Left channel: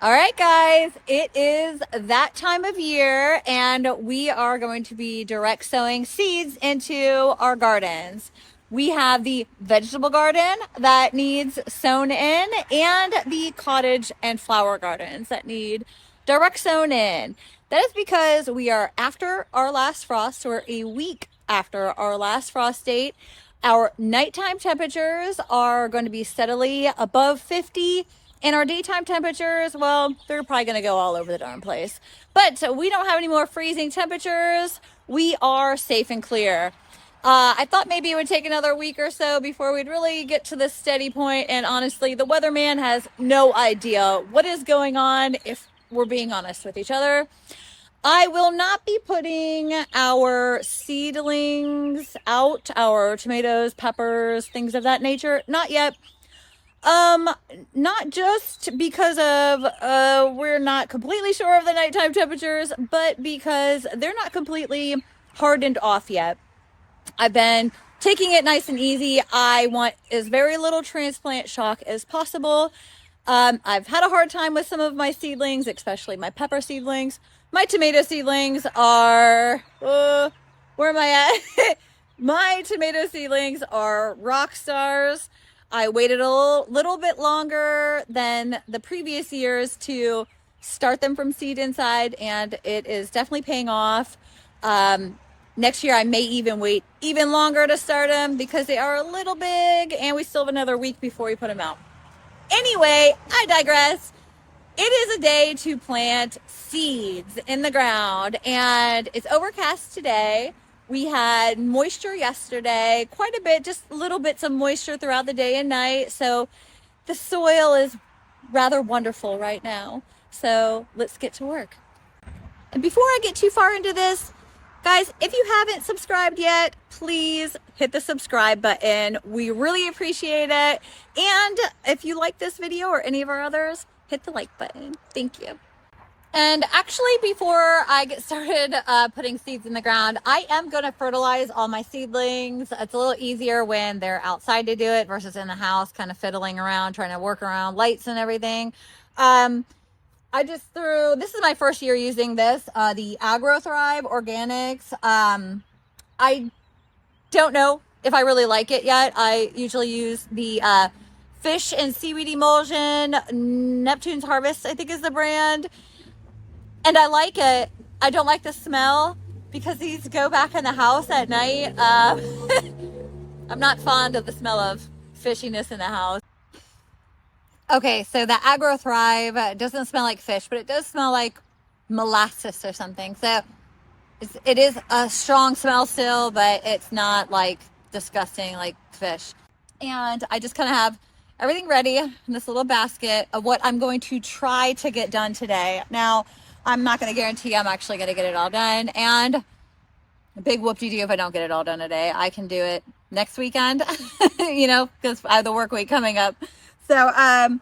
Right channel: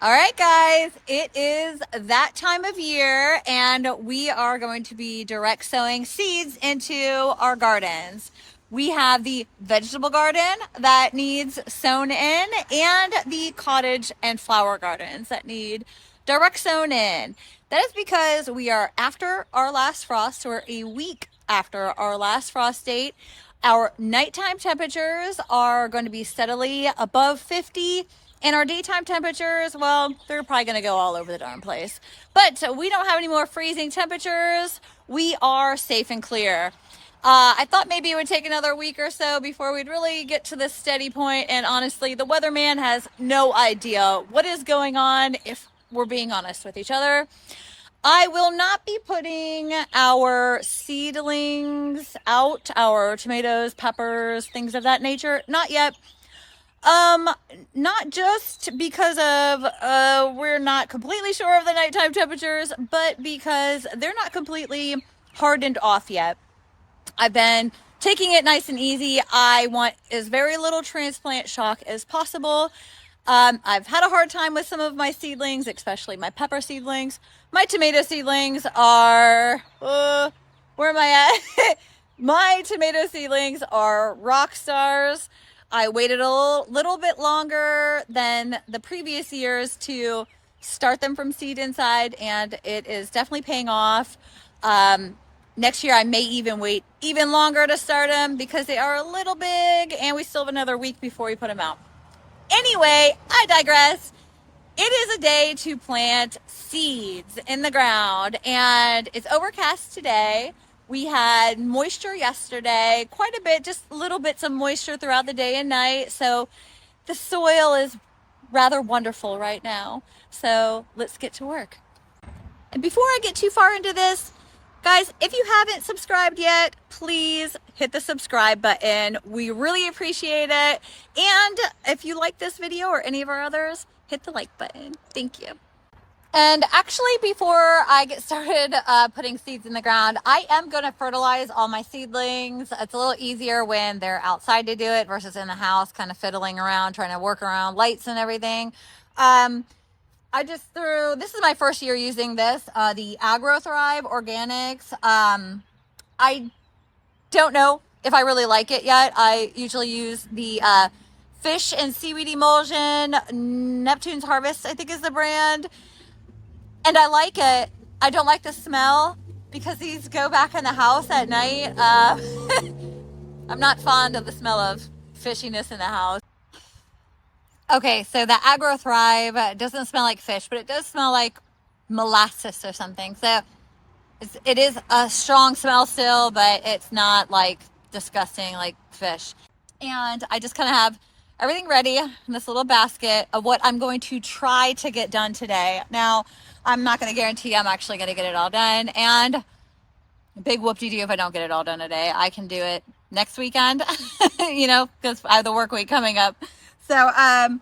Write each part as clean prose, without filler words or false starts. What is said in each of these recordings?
All right, guys, it is that time of year, and we are going to be direct sowing seeds into our gardens. We have the vegetable garden that needs sown in, and the cottage and flower gardens that need direct sown in. That is because we are after our last frost, or a week after our last frost date. Our nighttime temperatures are going to be steadily above 50. And our daytime temperatures, well, they're probably going to go all over the darn place. But we don't have any more freezing temperatures. We are safe and clear. I thought maybe it would take another week or so before we'd really get to this steady point. And honestly, the weatherman has no idea what is going on, if we're being honest with each other. I will not be putting our seedlings out, our tomatoes, peppers, things of that nature. Not yet. Not just because of we're not completely sure of the nighttime temperatures, but because they're not completely hardened off yet. I've been taking it nice and easy. I want as very little transplant shock as possible. I've had a hard time with some of my seedlings, especially my pepper seedlings. My tomato seedlings are, where am I at? My tomato seedlings are rock stars. I waited a little bit longer than the previous years to start them from seed inside, and it is definitely paying off. Next year, I may even wait even longer to start them because they are a little big, and we still have another week before we put them out. Anyway, I digress. It is a day to plant seeds in the ground, and it's overcast today. We had moisture yesterday, quite a bit, just little bits of moisture throughout the day and night. So the soil is rather wonderful right now. So let's get to work. And before I get too far into this, guys, if you haven't subscribed yet, please hit the subscribe button. We really appreciate it. And if you like this video or any of our others, hit the like button. Thank you. And actually, before I get started putting seeds in the ground, I am going to fertilize all my seedlings. It's a little easier when they're outside to do it versus in the house, kind of fiddling around, trying to work around lights and everything. I just threw, this is my first year using this, the AgroThrive Organics. I don't know if I really like it yet. I usually use the fish and seaweed emulsion. Neptune's Harvest, I think, is the brand. And I like it. I don't like the smell because these go back in the house at night. I'm not fond of the smell of fishiness in the house. Okay, so the AgroThrive doesn't smell like fish, but it does smell like molasses or something. So it is a strong smell still, but it's not like disgusting like fish. And I just kind of have everything ready in this little basket of what I'm going to try to get done today. Now, I'm not going to guarantee I'm actually going to get it all done. And a big whoop-de-doo if I don't get it all done today. I can do it next weekend, because I have the work week coming up. So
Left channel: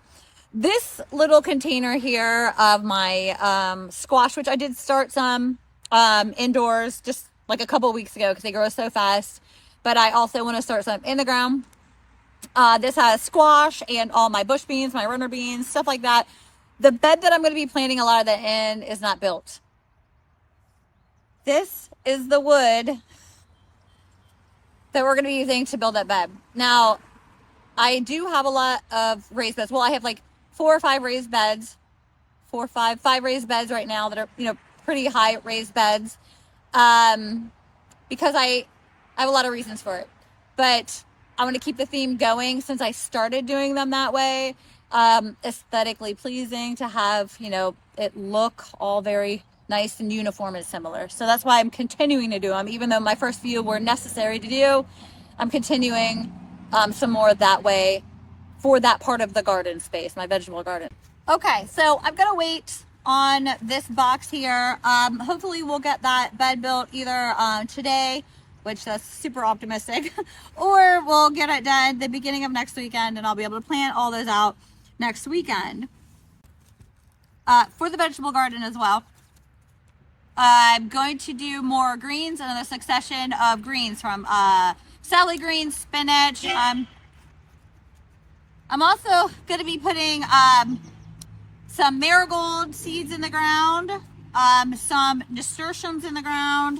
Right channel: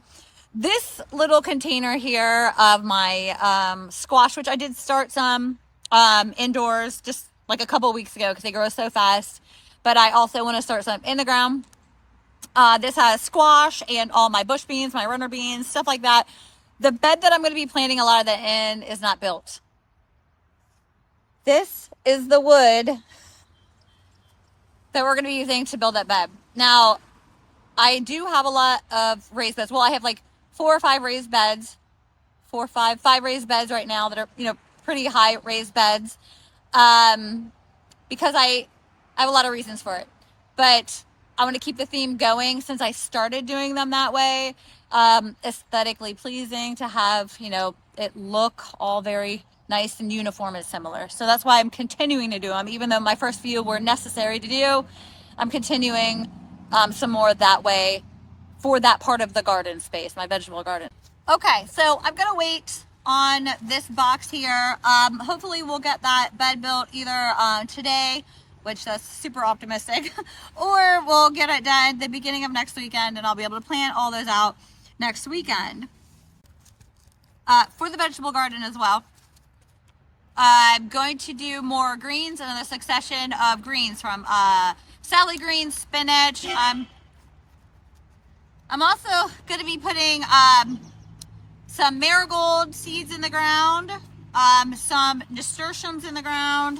this little container here of my squash, which I did start some indoors just like a couple weeks ago because they grow so fast. But I also want to start some in the ground. This has squash and all my bush beans, my runner beans, stuff like that. The bed that I'm going to be planting a lot of that in is not built. This is the wood that we're going to be using to build that bed. Now, I do have a lot of raised beds. Well, I have like 4 or 5 raised beds. 5 raised beds right now that are, pretty high raised beds. Because I have a lot of reasons for it. But I want to keep the theme going since I started doing them that way. Aesthetically pleasing to have, it look all very nice and uniform and similar. So that's why I'm continuing to do them, even though my first few were necessary to do. I'm continuing some more that way for that part of the garden space, my vegetable garden. Okay, so I'm gonna wait on this box here. Hopefully we'll get that bed built either today, which that's super optimistic, or we'll get it done the beginning of next weekend and I'll be able to plant all those out next weekend. For the vegetable garden as well, I'm going to do more greens, another succession of greens from salad greens, spinach. I'm also going to be putting some marigold seeds in the ground, some nasturtiums in the ground.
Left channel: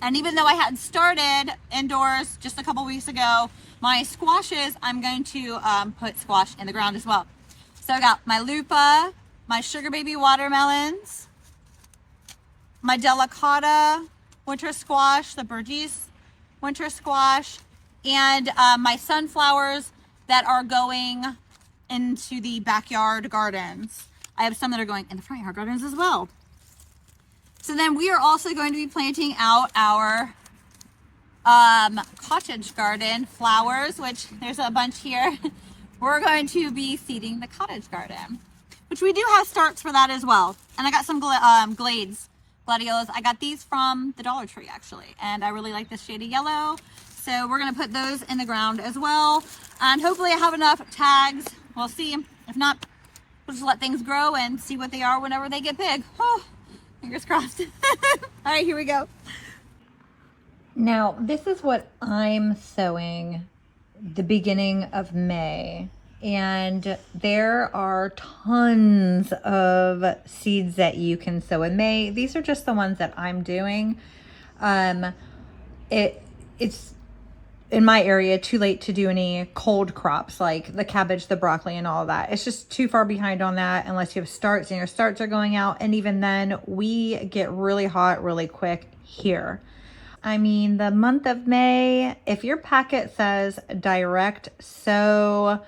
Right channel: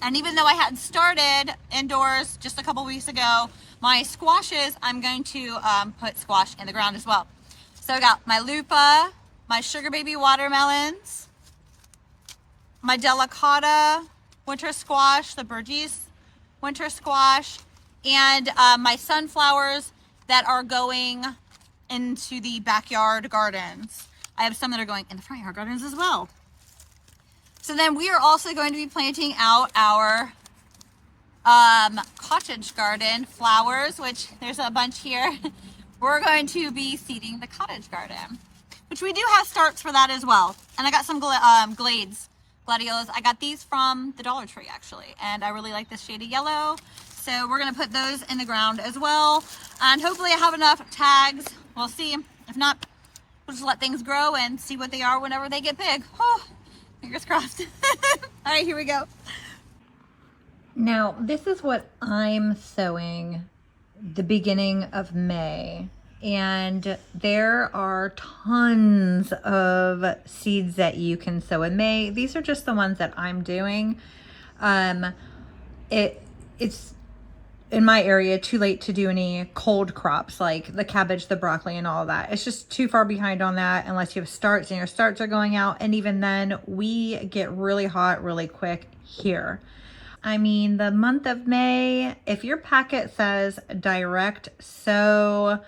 And even though I hadn't started indoors just a couple weeks ago, my squashes, I'm going to put squash in the ground as well. So I got my lupa, my sugar baby watermelons, my delicata winter squash, the Burgess winter squash, and my sunflowers that are going into the backyard gardens. I have some that are going in the front yard gardens as well. So then we are also going to be planting out our cottage garden flowers, which there's a bunch here. We're going to be seeding the cottage garden, which we do have starts for that as well. And I got some gladiolas. I got these from the Dollar Tree actually, and I really like this shade of yellow. So we're gonna put those in the ground as well. And hopefully I have enough tags. We'll see. If not, we'll just let things grow and see what they are whenever they get big. Oh, fingers crossed. All right, here we go. Now, this is what I'm sowing the beginning of May. And there are tons of seeds that you can sow in May. These are just the ones that I'm doing. It's in my area too late to do any cold crops like the cabbage, the broccoli, and all of that. It's just too far behind on that unless you have starts and your starts are going out. And even then, we get really hot really quick here. I mean, the month of May, if your packet says direct sow,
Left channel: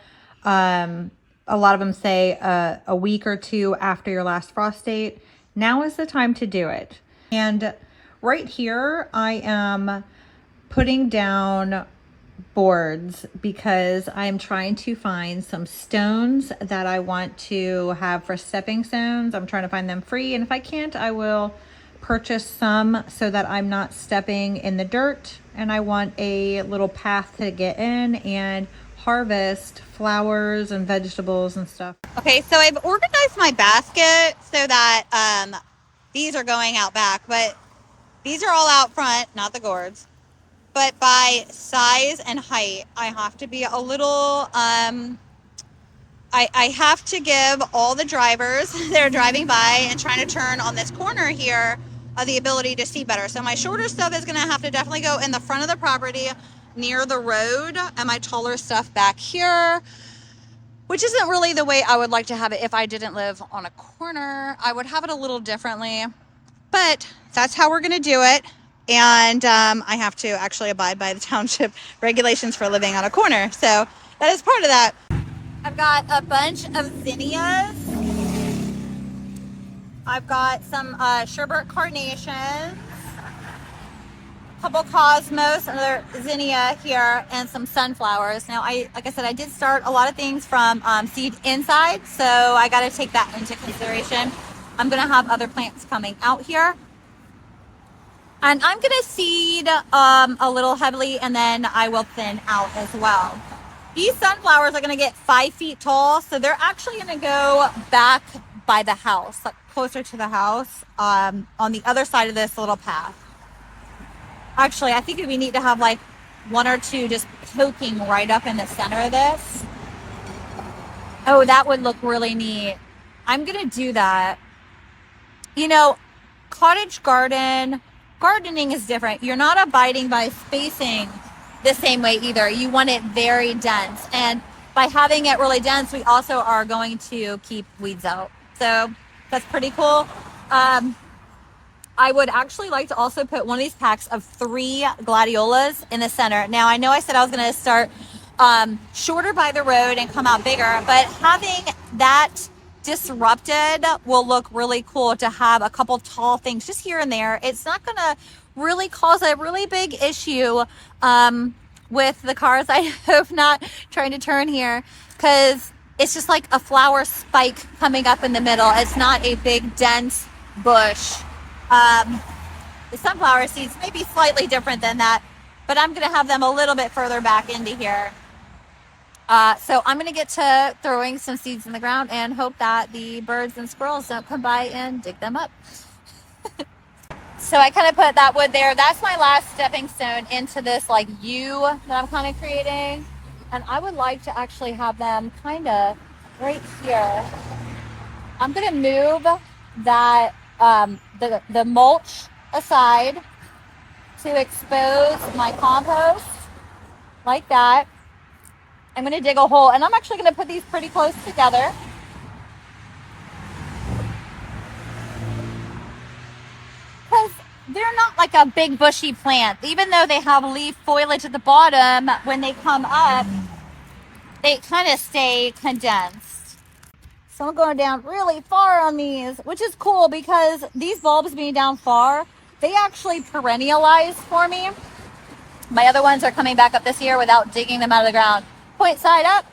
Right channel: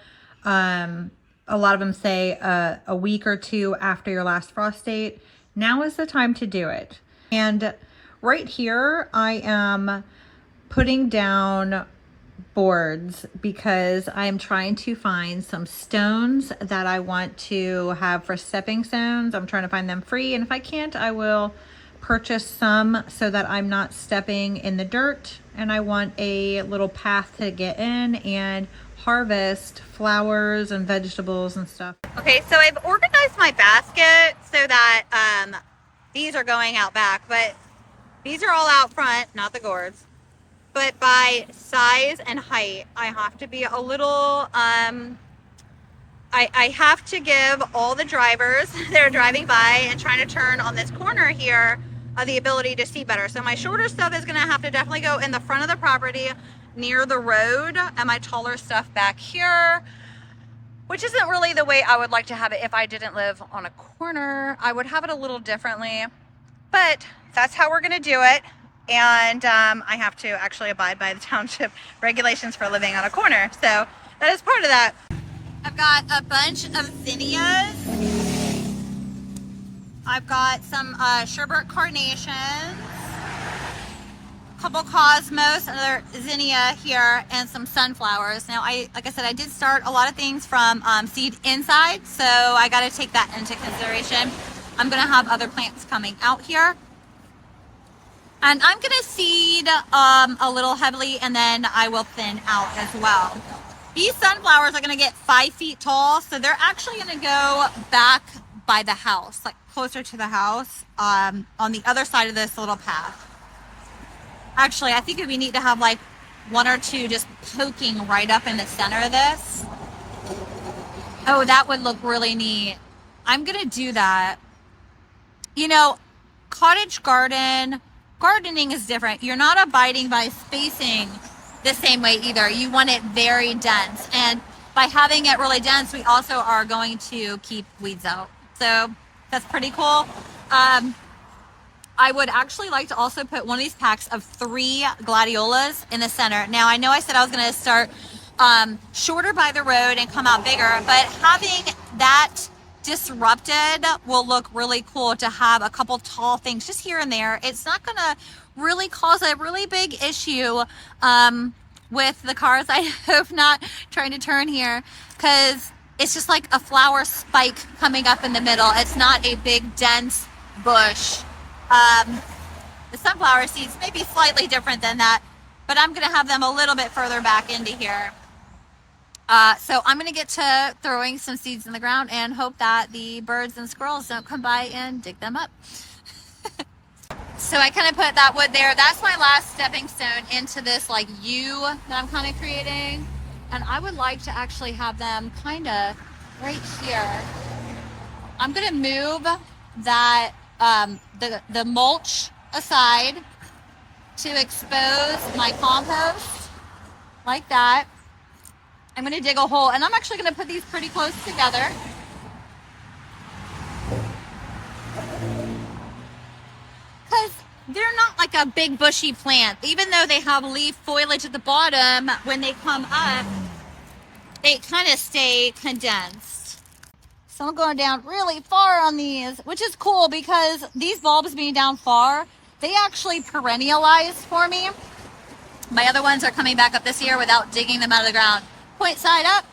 a lot of them say a week or two after your last frost date, now is the time to do it. And right here, I am putting down boards because I'm trying to find some stones that I want to have for stepping stones. I'm trying to find them free, and if I can't, I will purchase some so that I'm not stepping in the dirt. And I want a little path to get in and harvest flowers and vegetables and stuff. Okay, so I've organized my basket so that these are going out back, but these are all out front, not the gourds. But by size and height, I have to be a little, I have to give all the drivers that are driving by and trying to turn on this corner here the ability to see better. So my shorter stuff is gonna have to definitely go in the front of the property near the road, and my taller stuff back here, which isn't really the way I would like to have it if I didn't live on a corner. I would have it a little differently, but that's how we're gonna do it. And I have to actually abide by the township regulations for living on a corner. So that is part of that. I've got a bunch of zinnias. I've got some sherbet carnations, a couple cosmos, another zinnia here, and some sunflowers. Now, like I said, I did start a lot of things from seed inside, so I got to take that into consideration. I'm going to have other plants coming out here. And I'm going to seed a little heavily, and then I will thin out as well. These sunflowers are going to get 5 feet tall, so they're actually going to go back by the house, like closer to the house, on the other side of this little path. Actually, I think it would be neat to have like 1 or 2 just poking right up in the center of this. Oh, that would look really neat. I'm going to do that. You know, cottage gardening is different. You're not abiding by spacing the same way either. You want it very dense. And by having it really dense, we also are going to keep weeds out. So that's pretty cool. I would actually like to also put one of these packs of 3 gladiolas in the center. Now, I know I said I was going to start shorter by the road and come out bigger, but having that disrupted will look really cool to have a couple tall things just here and there. It's not going to really cause a really big issue with the cars. I hope not trying to turn here, because it's just like a flower spike coming up in the middle. It's not a big dense bush. The sunflower seeds may be slightly different than that, but I'm going to have them a little bit further back into here. So I'm going to get to throwing some seeds in the ground and hope that the birds and squirrels don't come by and dig them up. So I kind of put that wood there. That's my last stepping stone into this like U that I'm kind of creating. And I would like to actually have them kind of right here. I'm gonna move that the mulch aside to expose my compost like that. I'm gonna dig a hole, and I'm actually gonna put these pretty close together. Because they're not like a big bushy plant. Even though they have leaf foliage at the bottom, when they come up, they kind of stay condensed. So I'm going down really far on these, which is cool because these bulbs being down far, they actually perennialize for me. My other ones are coming back up this year without digging them out of the ground. Point side up.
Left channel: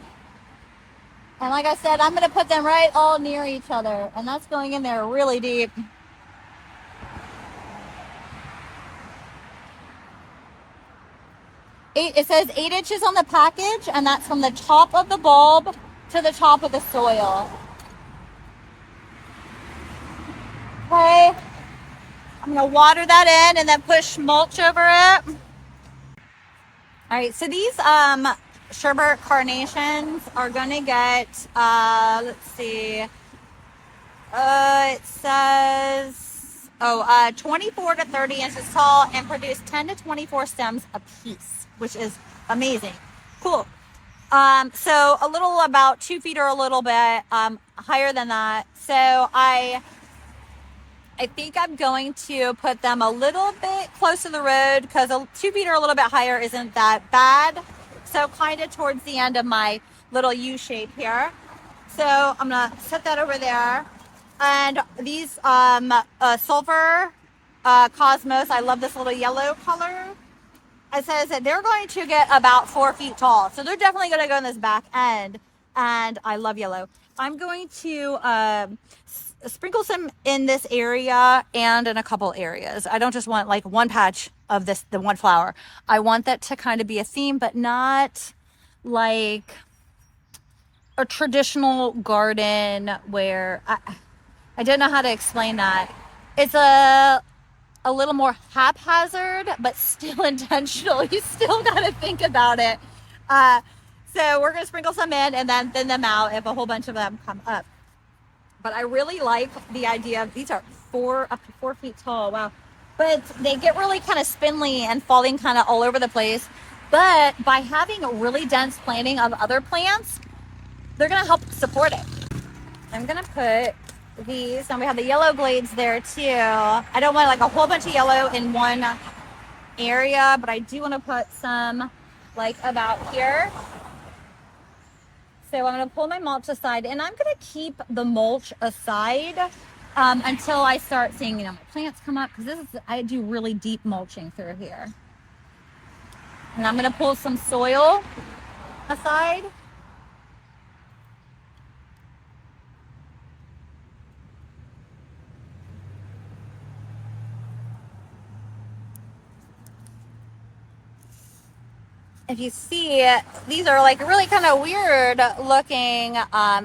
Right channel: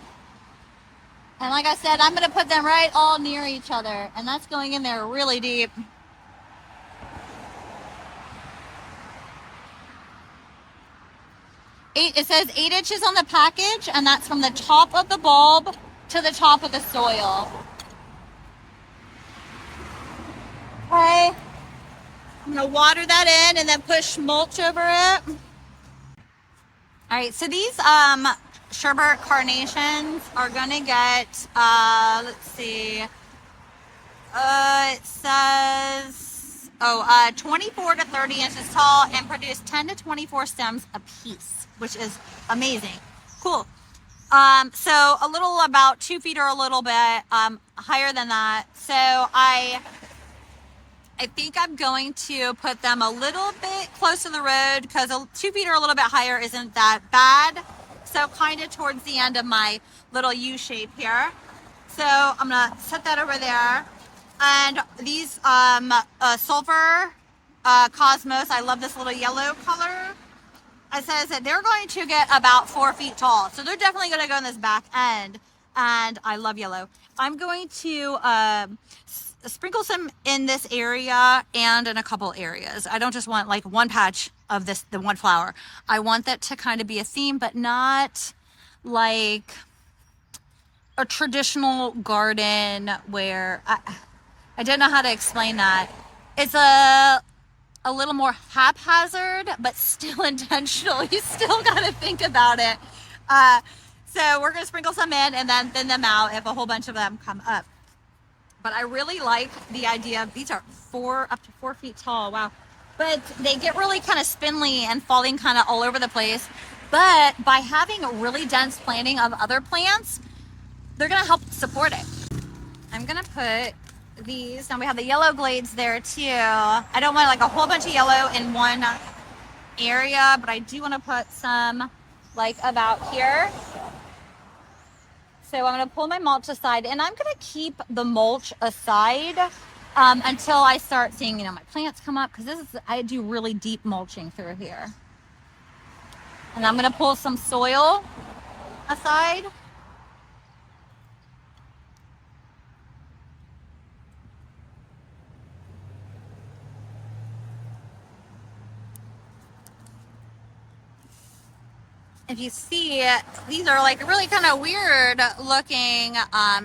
And like I said, I'm going to put them right all near each other. And that's going in there really deep. It says 8 inches on the package, and that's from the top of the bulb to the top of the soil. Okay. I'm going to water that in and then push mulch over it. All right, so these sherbet carnations are going to get, let's see, it says, 24 to 30 inches tall and produce 10 to 24 stems a piece, which is amazing. Cool. So a little about 2 feet or a little bit higher than that. So I think I'm going to put them a little bit close to the road because 2 feet or a little bit higher isn't that bad. So kind of towards the end of my little U shape here. So I'm gonna set that over there. And these sulfur cosmos, I love this little yellow color. It says that they're going to get about 4 feet tall. So they're definitely going to go in this back end. And I love yellow. I'm going to sprinkle some in this area and in a couple areas. I don't just want like one patch of the one flower. I want that to kind of be a theme, but not like a traditional garden where I don't know how to explain that. It's a little more haphazard, but still intentional. You still got to think about it. So we're going to sprinkle some in and then thin them out if a whole bunch of them come up. But I really like the idea of these are up to 4 feet tall. Wow. But they get really kind of spindly and falling kind of all over the place. But by having a really dense planting of other plants, they're going to help support it. I'm going to put these, and we have the yellow glades there too. I don't want like a whole bunch of yellow in one area, but I do want to put some like about here. So I'm going to pull my mulch aside, and I'm going to keep the mulch aside until I start seeing, my plants come up, because I do really deep mulching through here. And I'm going to pull some soil aside. If you see, these are like really kind of weird looking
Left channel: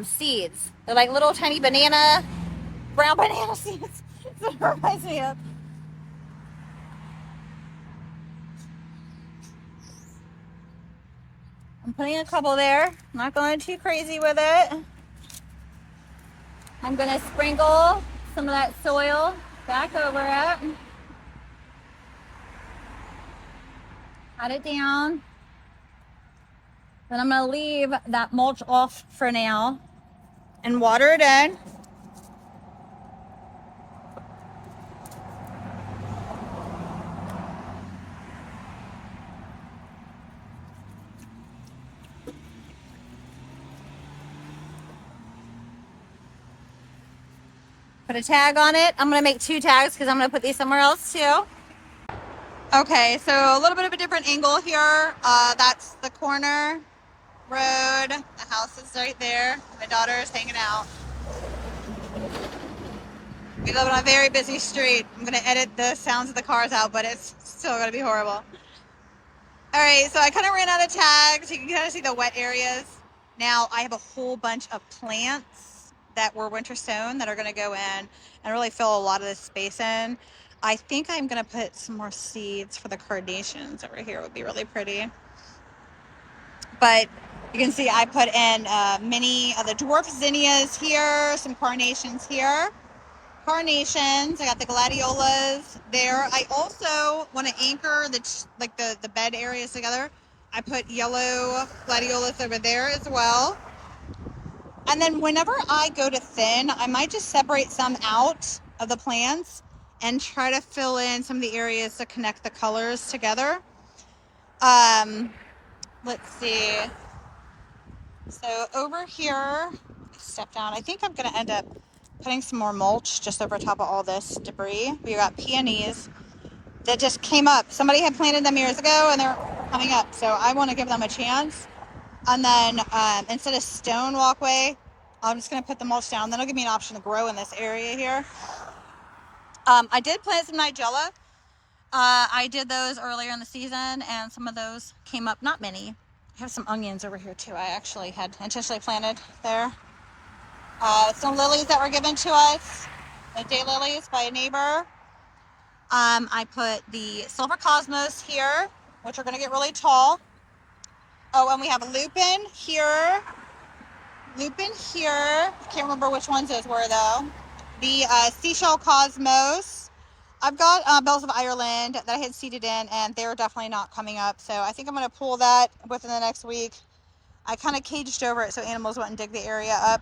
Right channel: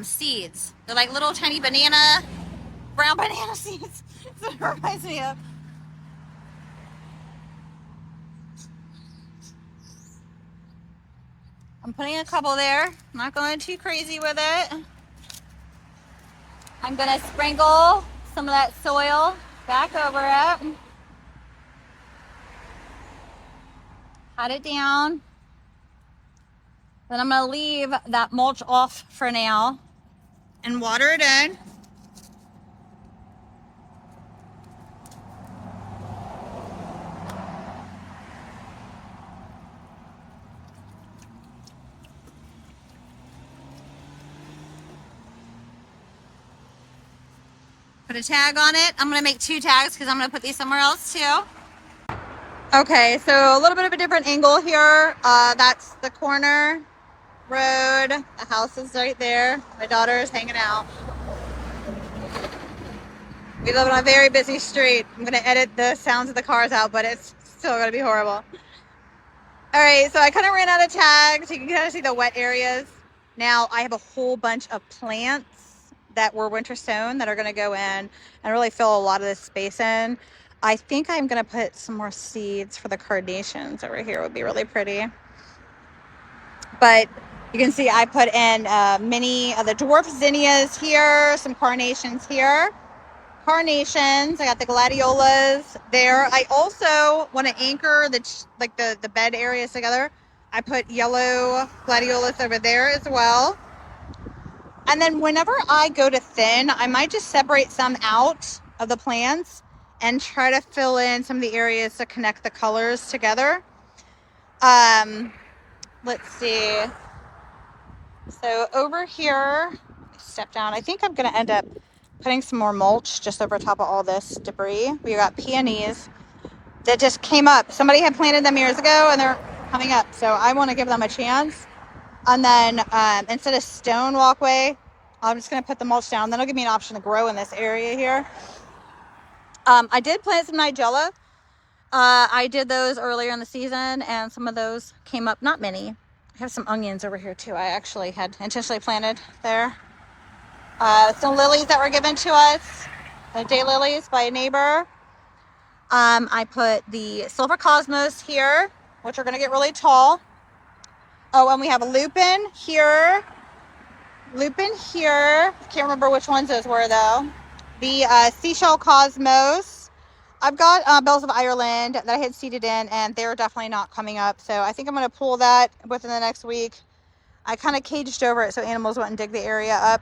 seeds. They're like little tiny brown banana seeds. That's what it reminds me of. I'm putting a couple there. I'm not going too crazy with it. I'm going to sprinkle some of that soil back over it. Pat it down. Then I'm going to leave that mulch off for now and water it in. Put a tag on it. I'm going to make 2 tags because I'm going to put these somewhere else too. Okay, so a little bit of a different angle here. That's the corner road. The house is right there. My daughter is hanging out. We live on a very busy street. I'm going to edit the sounds of the cars out, but it's still going to be horrible. All right, so I kind of ran out of tags. You can kind of see the wet areas. Now I have a whole bunch of plants that were winter sown that are going to go in and really fill a lot of this space in. I think I'm going to put some more seeds for the carnations over here. It would be really pretty. But You can see I put in many of the dwarf zinnias here, some carnations here. Carnations, I got the gladiolas there. I also want to anchor the bed areas together. I put yellow gladiolas over there as well. And then whenever I go to thin, I might just separate some out of the plants and try to fill in some of the areas to connect the colors together. Let's see. So over here, step down. I think I'm going to end up putting some more mulch just over top of all this debris. We got peonies that just came up. Somebody had planted them years ago and they're coming up. So I want to give them a chance. And then instead of stone walkway, I'm just going to put the mulch down. Then it'll give me an option to grow in this area here. I did plant some nigella. I did those earlier in the season and some of those came up, not many. I have some onions over here too. I actually had intentionally planted there. Some lilies that were given to us, like day lilies by a neighbor. I put the silver cosmos here, which are going to get really tall. Oh, and we have a lupin here. Lupin here. Can't remember which ones those were though. The seashell cosmos. I've got bells of Ireland that I had seeded in, and they're definitely not coming up. So I think I'm going to pull that within the next week. I kind of caged over it so animals wouldn't dig the area up.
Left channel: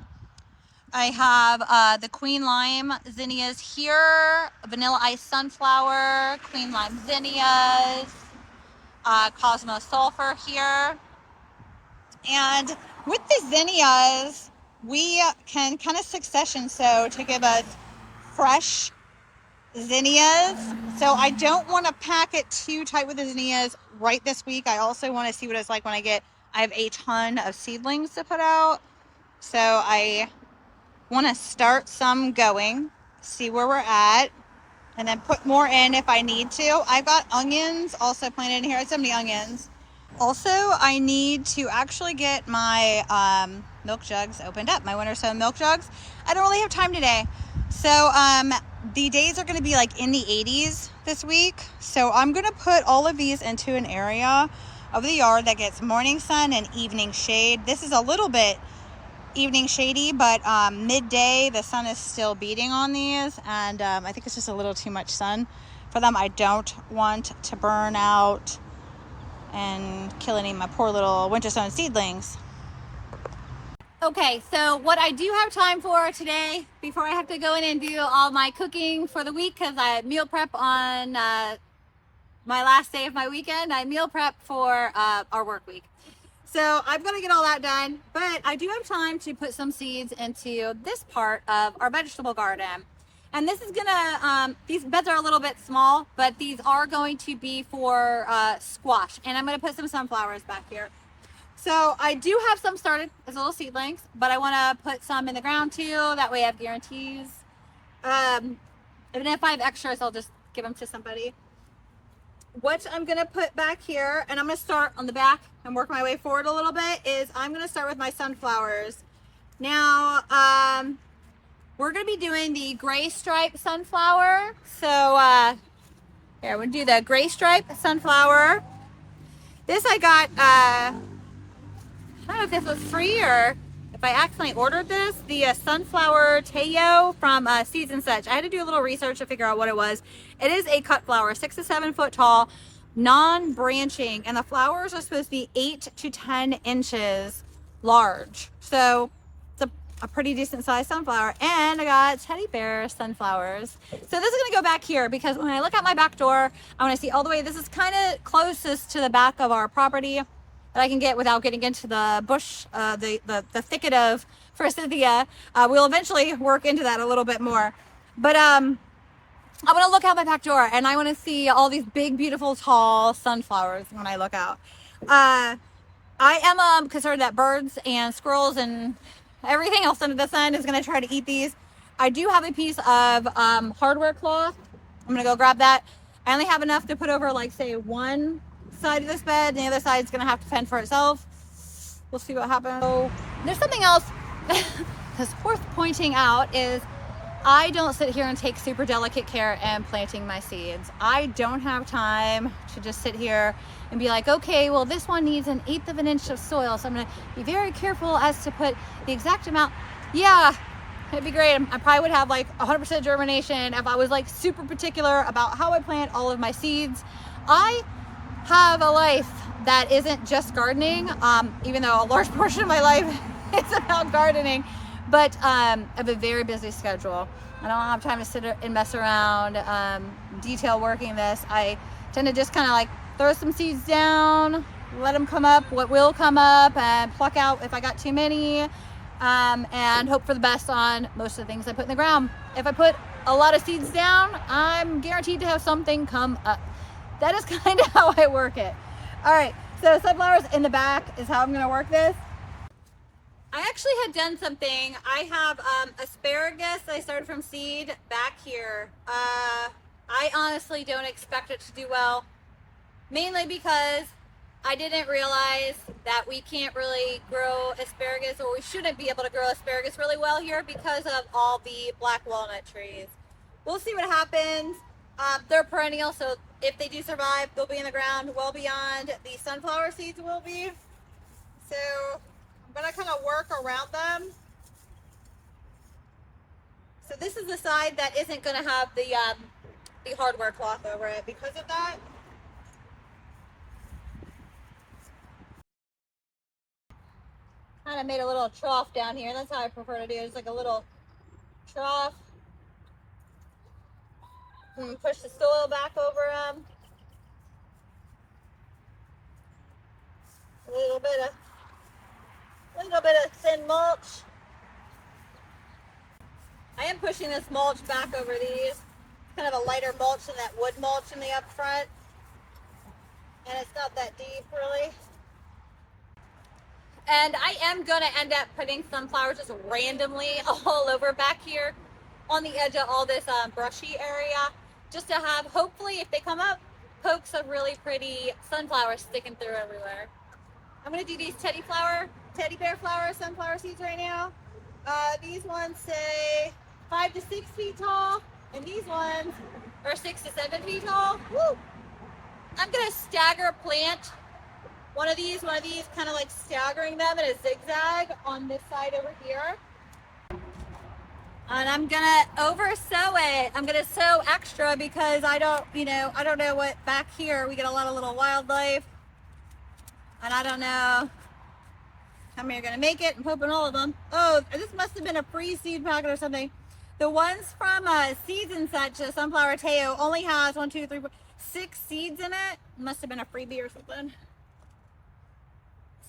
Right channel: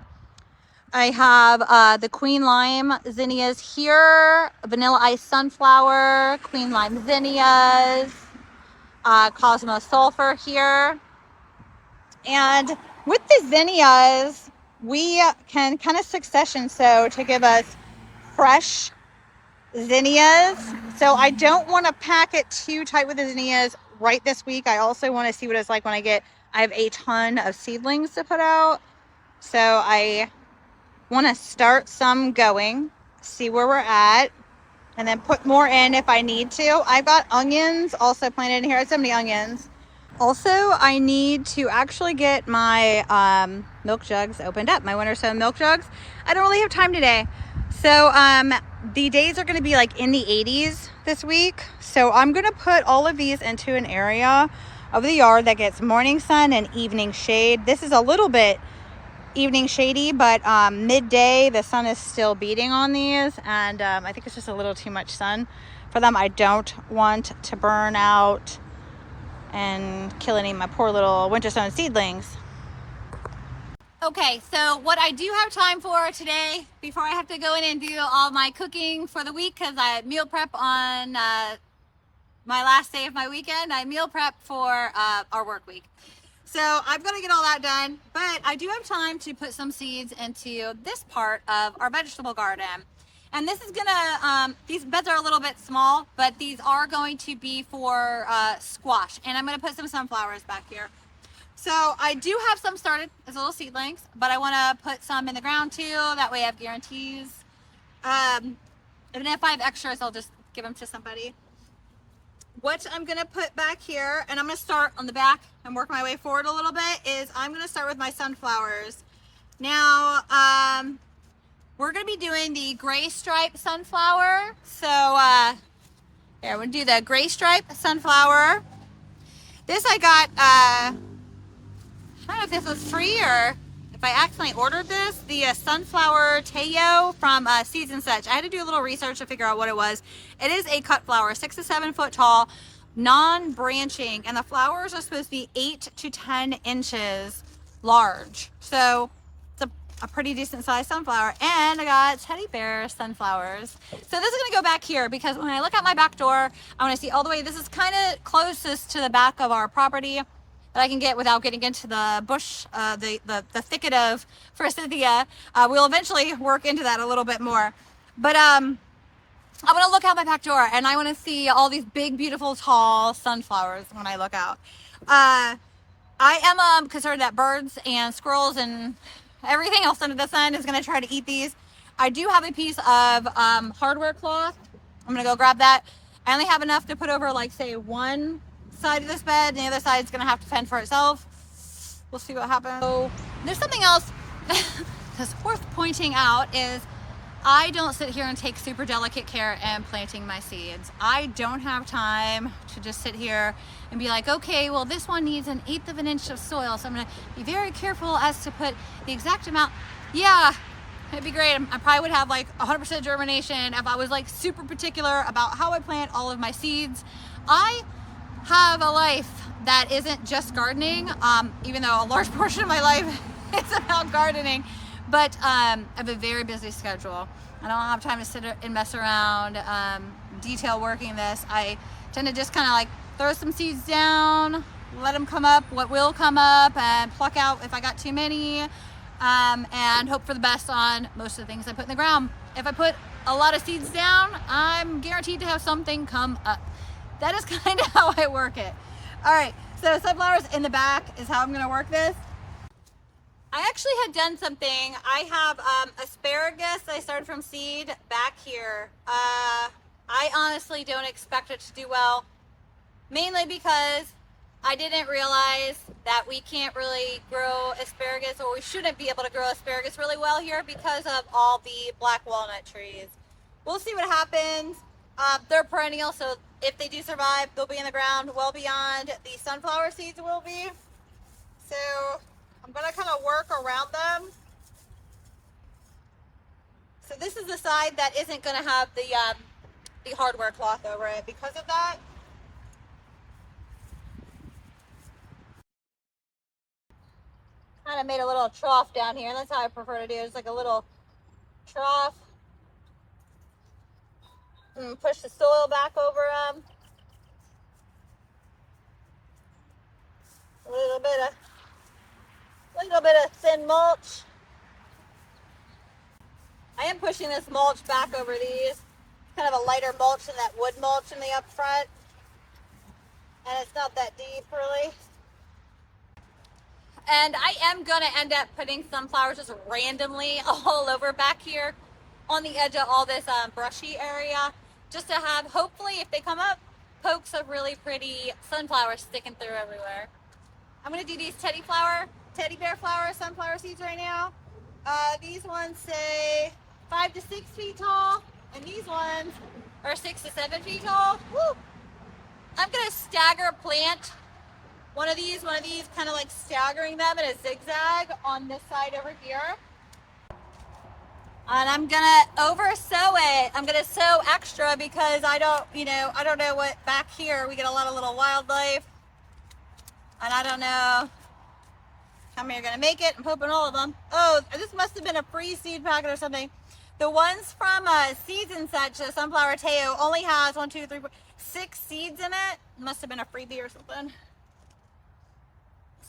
I have the queen lime zinnias here, vanilla ice sunflower, queen lime zinnias, cosmos sulfur here. And with the zinnias, we can kind of succession sow to give us fresh zinnias. So I don't want to pack it too tight with the zinnias right this week. I also want to see what it's like when I have a ton of seedlings to put out. So I want to start some going, see where we're at, and then put more in if I need to. I've got onions also planted in here. I have so many onions. Also, I need to actually get my milk jugs opened up, my winter sown milk jugs. I don't really have time today. So the days are going to be like in the 80s this week. So I'm going to put all of these into an area of the yard that gets morning sun and evening shade. This is a little bit evening shady, but midday the sun is still beating on these, and I think it's just a little too much sun for them. I don't want to burn out and kill any of my poor little winter sown seedlings. Okay, so what I do have time for today, before I have to go in and do all my cooking for the week, because I meal prep on my last day of my weekend, I meal prep for our work week. So I'm going to get all that done, but I do have time to put some seeds into this part of our vegetable garden. And this is going to, these beds are a little bit small, but these are going to be for squash. And I'm going to put some sunflowers back here. So I do have some started as little seedlings, but I want to put some in the ground too. That way I have guarantees. And if I have extras, I'll just give them to somebody. What I'm going to put back here, and I'm going to start on the back and work my way forward a little bit, is I'm going to start with my sunflowers. Now, we're going to be doing the gray stripe sunflower. So, here, I'm going to do the gray stripe sunflower. This I got, I don't know if this was free or if I accidentally ordered this, the sunflower Teo from Seeds and Such. I had to do a little research to figure out what it was. It is a cut flower, 6 to 7 foot tall, non-branching, and the flowers are supposed to be 8 to 10 inches large. So it's a pretty decent sized sunflower. And I got teddy bear sunflowers. So this is going to go back here because when I look out my back door, I want to see all the way. This is kind of closest to the back of our property that I can get without getting into the bush, the thicket of forsythia. We'll eventually work into that a little bit more. But I'm going to look out my back door and I want to see all these big, beautiful, tall sunflowers when I look out. I am concerned that birds and squirrels and everything else under the sun is going to try to eat these. I do have a piece of hardware cloth. I'm going to go grab that. I only have enough to put over, like, say, one side of this bed, and the other side is going to have to fend for itself. We'll see what happens. So there's something else that's worth pointing out is I don't sit here and take super delicate care in planting my seeds. I don't have time to just sit here and be like, okay, well, this one needs 1/8 of an inch of soil, so I'm gonna be very careful as to put the exact amount. Yeah, it'd be great. I probably would have like 100% germination if I was like super particular about how I plant all of my seeds. I have a life that isn't just gardening, even though a large portion of my life is about gardening. But I have a very busy schedule. I don't have time to sit and mess around detail working this. I tend to just kind of like throw some seeds down, let them come up, what will come up, and pluck out if I got too many, and hope for the best on most of the things I put in the ground. If I put a lot of seeds down, I'm guaranteed to have something come up. That is kind of how I work it. All right, so sunflowers in the back is how I'm gonna work this. I actually had done something. I have asparagus I started from seed back here. I honestly don't expect it to do well, mainly because I didn't realize that we can't really grow asparagus, or we shouldn't be able to grow asparagus really well here because of all the black walnut trees. We'll see what happens. They're perennial, so if they do survive, they'll be in the ground well beyond the sunflower seeds will be. So I'm gonna kind of work around them. So this is the side that isn't gonna have the hardware cloth over it because of that. Kind of made a little trough down here, and that's how I prefer to do it. It's like a little trough. And push the soil back over them. A little bit of thin mulch. I am pushing this mulch back over these. Kind of a lighter mulch than that wood mulch in the up front. And it's not that deep really. And I am gonna end up putting sunflowers just randomly all over back here on the edge of all this brushy area, just to have, hopefully if they come up, pokes of really pretty sunflowers sticking through everywhere. I'm gonna do these teddy bear flower sunflower seeds right now. These ones say 5 to 6 feet tall, and these ones are 6 to 7 feet tall. Woo! I'm gonna stagger plant one of these, kind of like staggering them in a zigzag on this side over here. And I'm gonna over sow it. I'm gonna sow extra because I don't know what back here, we get a lot of little wildlife. And I don't know how many are gonna make it. I'm hoping all of them. Oh, this must have been a free seed packet or something. The ones from Seeds and Such, Sunflower Teo, only has 1, 2, 3, 4, 6 seeds in it. Must have been a freebie or something.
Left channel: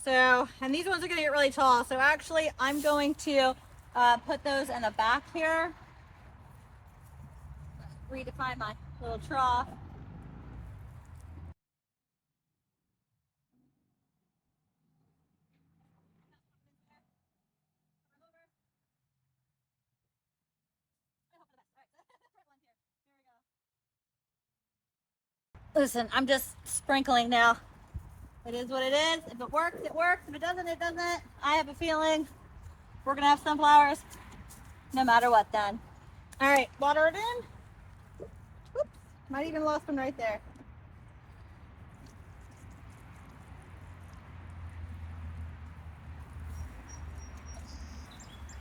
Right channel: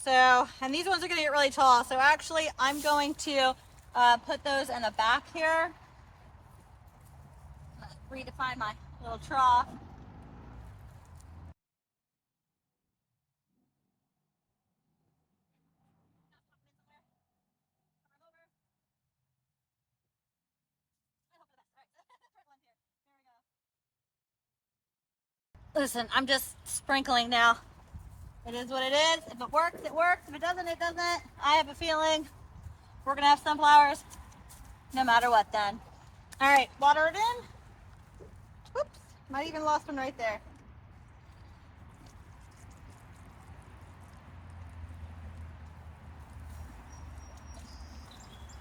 So, and these ones are gonna get really tall. So actually, I'm going to put those in the back here. Redefine my little trough. Listen, I'm just sprinkling now. It is what it is. If it works, it works. If it doesn't, it doesn't. I have a feeling we're gonna have sunflowers no matter what then. All right, water it in. Whoops, might even lost one right there.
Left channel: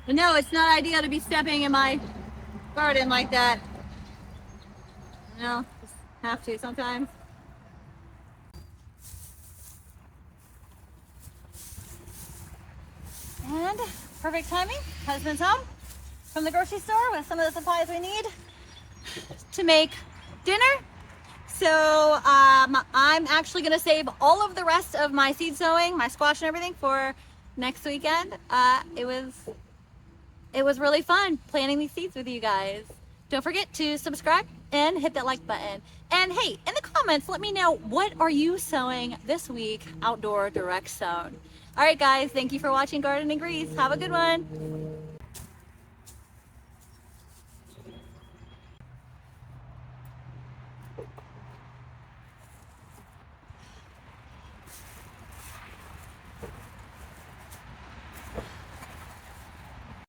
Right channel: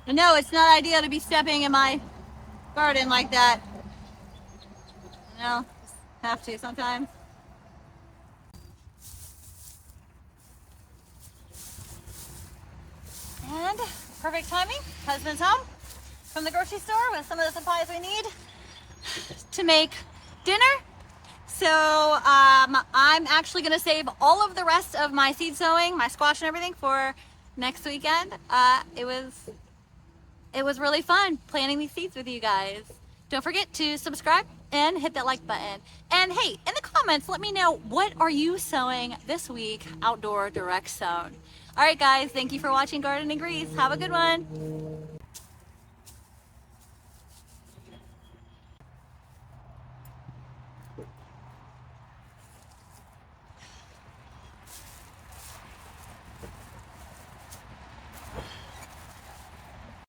But no, it's not ideal to be stepping in my garden like that. No, just have to sometimes. And perfect timing. Husband's home from the grocery store with some of the supplies we need to make dinner. So I'm actually gonna save all of the rest of my seed sowing, my squash and everything for next weekend. It was really fun planting these seeds with you guys. Don't forget to subscribe and hit that like button. And hey, in the comments, let me know, what are you sowing this week outdoor direct sown? All right, guys, thank you for watching Garden and Grease. Have a good one.